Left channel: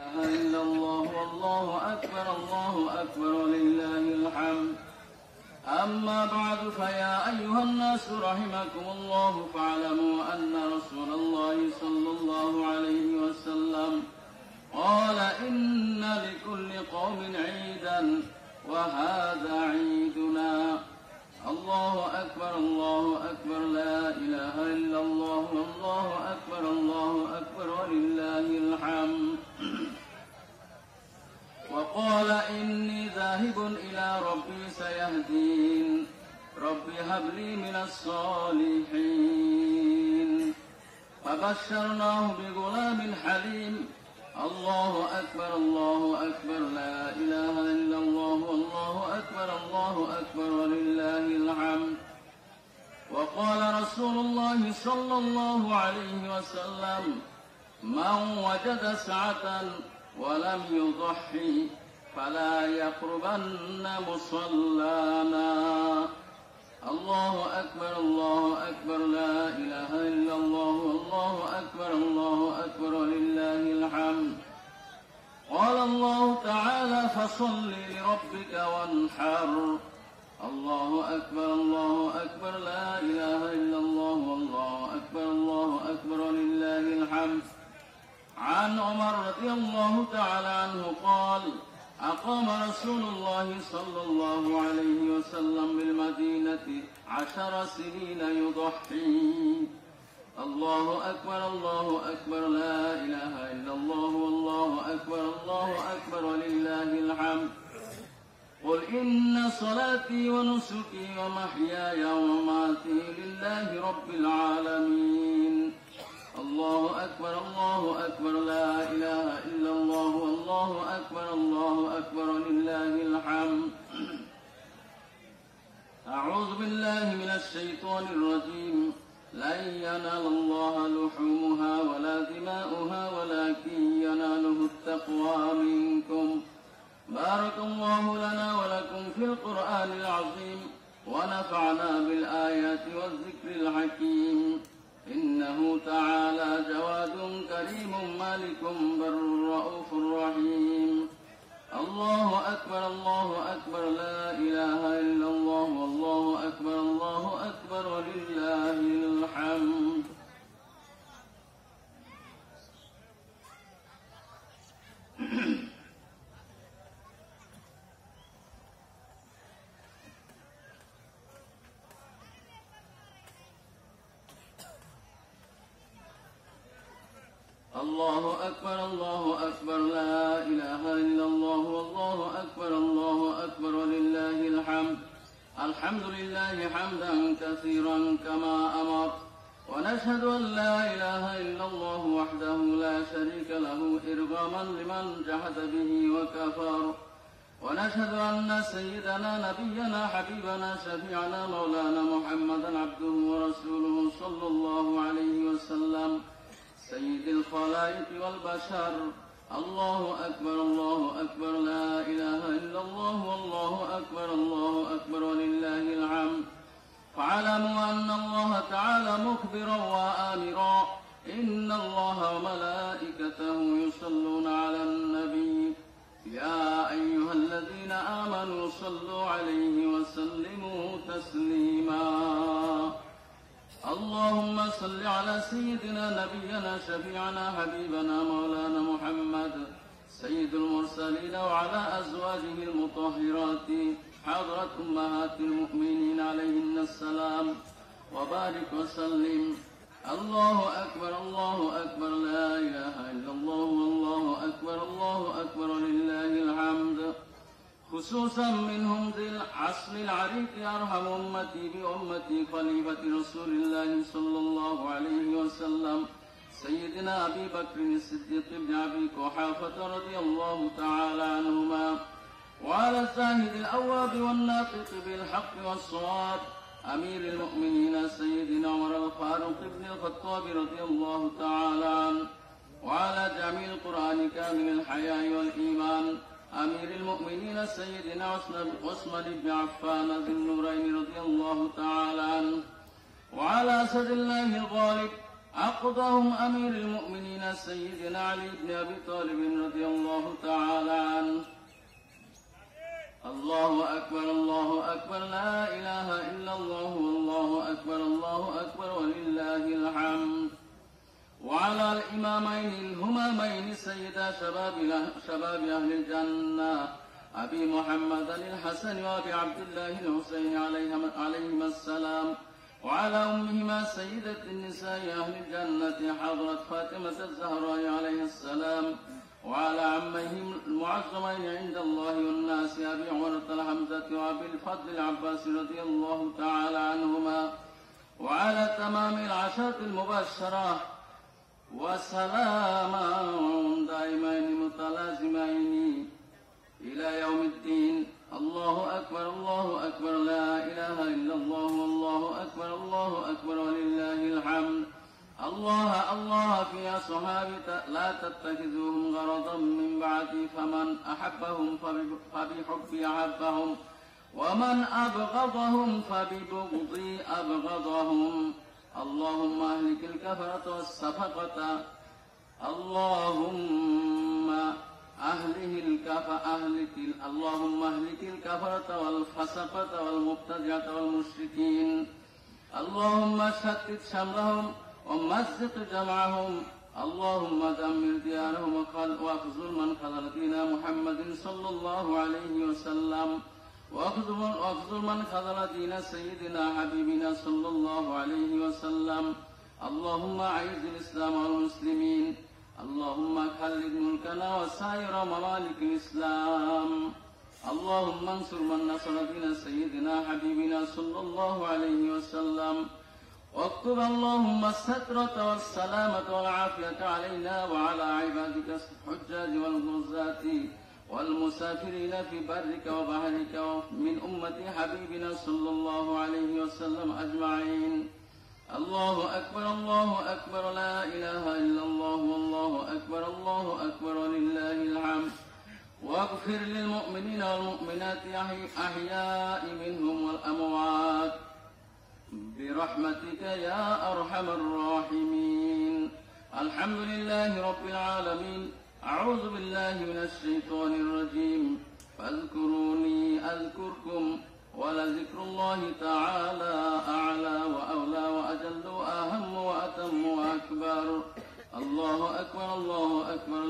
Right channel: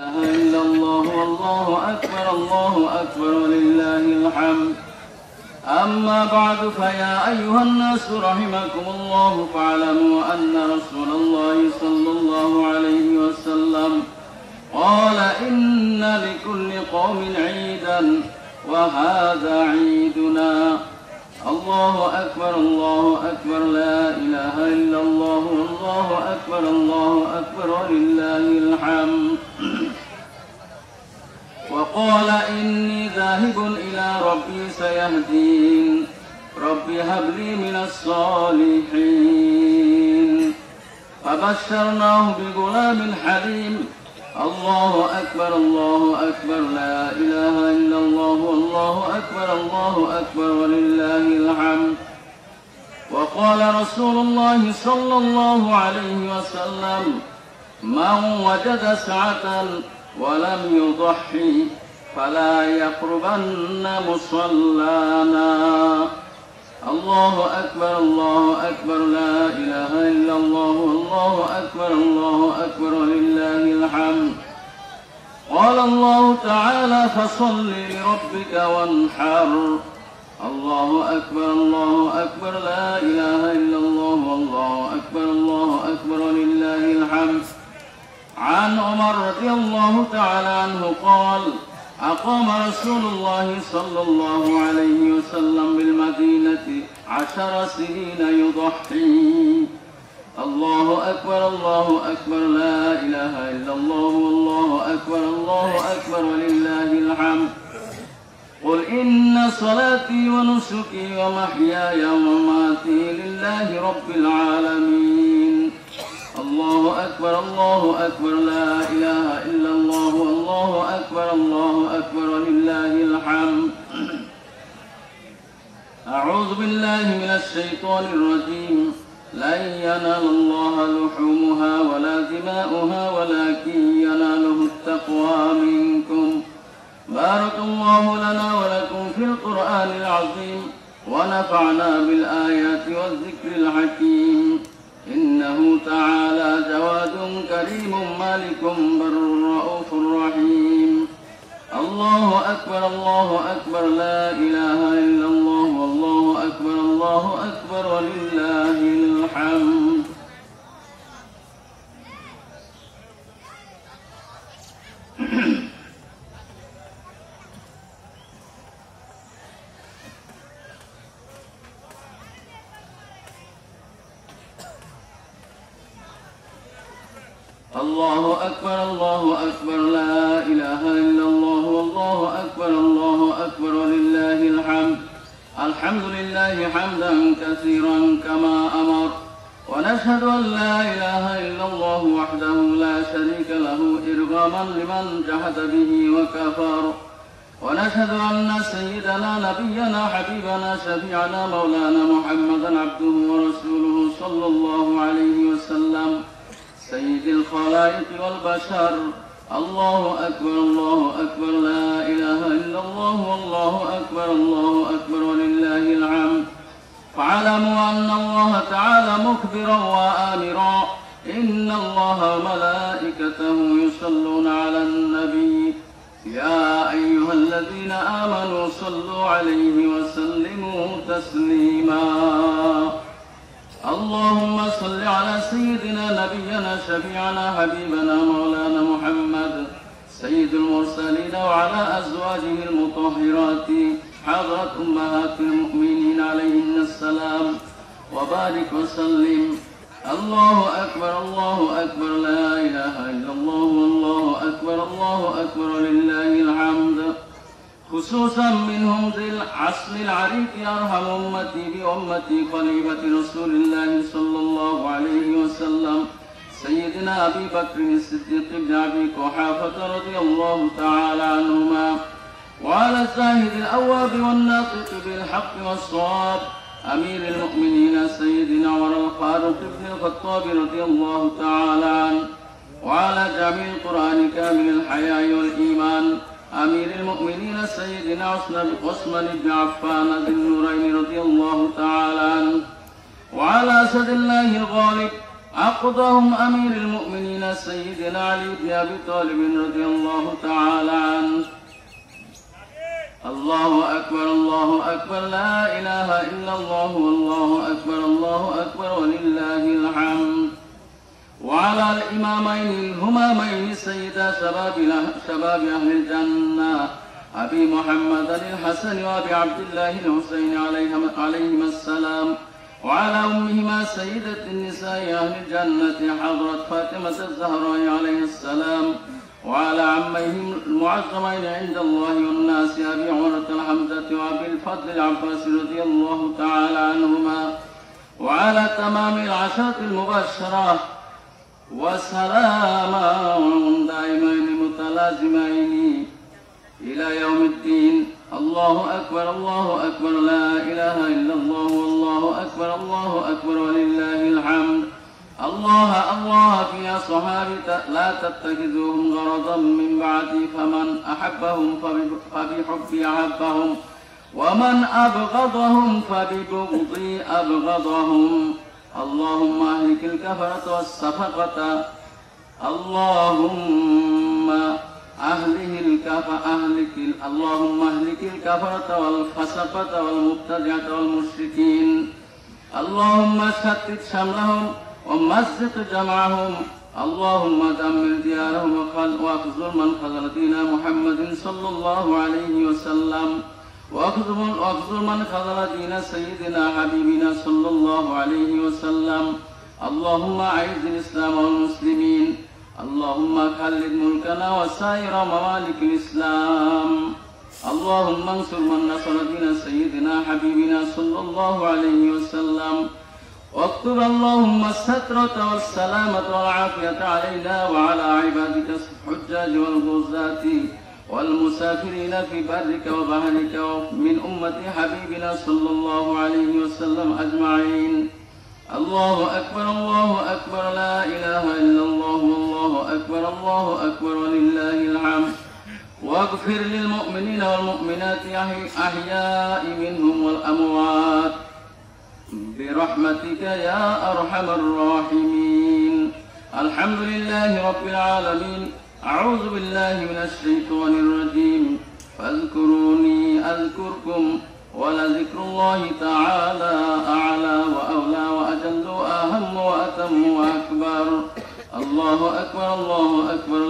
إلا الله والله أكبر الله أكبر ولله الحمد. أما بعد فيا أيها الناس رحمكم الله فاعلموا أن رسول الله صلى الله عليه وسلم قال إن لكل قوم عيدا وهذا عيدنا. الله أكبر الله أكبر لا إله إلا الله والله أكبر الله أكبر ولله الحمد. وقال إني ذاهب إلى ربي سيهدين ربي هب لي من الصالحين. فبشرناه بغلام حليم. الله أكبر الله أكبر لا إله إلا الله والله أكبر الله أكبر ولله الحمد. وقال رسول الله صلى الله عليه وسلم من وجد سعة ولم يضحي فلا يقربن مصلانا. الله أكبر الله أكبر لا إله إلا الله والله أكبر الله أكبر ولله الحمد. قال الله تعالى فصل لربك وانحر. الله أكبر الله أكبر لا إله إلا الله والله أكبر الله أكبر ولله الحمد. عن عمر رضي الله تعالى عنه قال أقام رسول الله صلى الله عليه وسلم بالمدينة 10 سنين يضحي. الله أكبر الله أكبر لا إله إلا الله والله أكبر الله أكبر ولله الحمد. قل إن صلاتي ونسكي ومحياي ومماتي لله رب العالمين. الله أكبر الله أكبر لا إله إلا الله والله أكبر الله أكبر ولله الحمد. أعوذ بالله من الشيطان الرجيم. لن ينال الله لحومها ولا دماؤها ولكن يناله التقوى منكم. بارك الله لنا ولكم في القرآن العظيم ونفعنا بالآيات والذكر الحكيم. إنه تعالى جواد كريم مالك بر رؤوف رحيم. الله أكبر الله أكبر لا إله إلا الله والله أكبر الله أكبر ولله الحمد. الله أكبر الله أكبر لا إله إلا الله والله أكبر الله أكبر ولله الحمد. الحمد لله حمدا كثيرا كما أمر. ونشهد أن لا إله إلا الله وحده لا شريك له إرغاما لمن جحد به وكفر. ونشهد أن سيدنا نبينا حبيبنا شفيعنا مولانا محمدا عبده ورسوله صلى الله عليه وسلم سيد الخلائق والبشر. الله أكبر الله أكبر لا إله إلا الله والله أكبر الله أكبر ولله الحمد. فاعلموا أن الله تعالى مخبرا وآمرا إن الله وملائكته يصلون على النبي يا أيها الذين آمنوا صلوا عليه وسلموا تسليما. اللهم صل على سيدنا نبينا شفيعنا حبيبنا مولانا محمد سيد المرسلين وعلى أزواجه المطهرات حضرة أمهات المؤمنين عليهن السلام وبارك وسلم. الله أكبر الله أكبر لا إله إلا الله والله أكبر الله أكبر لله الحمد. خصوصا منهم ذي العصر العريق أرحم أمتي بأمتي خليفة رسول الله صلى الله عليه وسلم سيدنا أبي بكر الصديق بن أبي قحافة رضي الله تعالى عنهما. وعلى الزاهد الأواب والناطق بالحق والصواب أمير المؤمنين سيدنا عمر الفاروق بن الخطاب رضي الله تعالى عنه. وعلى جامع القرآن كامل الحياء والإيمان أمير المؤمنين سيدنا عثمان بن عفان ذي النورين رضي الله تعالى عنه. وعلى أسد الله الغالب عقدهم أمير المؤمنين سيدنا علي بن أبي طالب رضي الله تعالى عنه. الله أكبر الله أكبر لا إله إلا الله والله أكبر الله أكبر ولله الحمد. وعلى الإمامين الهمامين سيدا شباب أهل الجنة أبي محمد الحسن وأبي عبد الله الحسين عليهما السلام، وعلى أمهما سيدة النساء أهل الجنة حضرة فاطمة الزهراء عليه السلام، وعلى عميهم المعظمين عند الله والناس أبي عمرة الحمزة وأبي الفضل العباس رضي الله تعالى عنهما، وعلى تمام العشرة المبشرة وسلاما دائمين متلازمين إلى يوم الدين. الله أكبر الله أكبر لا إله إلا الله والله أكبر الله أكبر ولله الحمد. الله الله في أصحابي لا تتخذوهم غرضا من بعدي، فمن أحبهم فبحبي أحبهم، ومن أبغضهم فببغضي أبغضهم. اللهم أهلك الكفرة والسفقة، اللهم أهلك الكفرة والفسقة والمبتدعة والمشركين. اللهم شتت شملهم ومزق جمعهم. اللهم دمر ديارهم واخذل من خذل دين محمد صلى الله عليه وسلم، واخذل من خذل دين سيدنا حبيبنا صلى الله عليه وسلم. اللهم أعز الإسلام والمسلمين. اللهم خلد ملكنا وسائر ممالك الإسلام. اللهم انصر من نصر دين سيدنا حبيبنا صلى الله عليه وسلم، واكتب اللهم السترة والسلامة والعافية علينا وعلى عبادك الحجاج والغزاة والمسافرين في برك وبحرك من أمة حبيبنا صلى الله عليه وسلم أجمعين. الله أكبر الله أكبر لا إله إلا الله والله أكبر الله أكبر ولله الحمد. واغفر للمؤمنين والمؤمنات أحياء منهم والأموات برحمتك يا أرحم الراحمين. الحمد لله رب العالمين. أعوذ بالله من الشيطان الرجيم. فاذكروني أذكركم ولذكر الله تعالى أعلى وأولى وأجل وأهم وأتم وأكبر. الله أكبر الله أكبر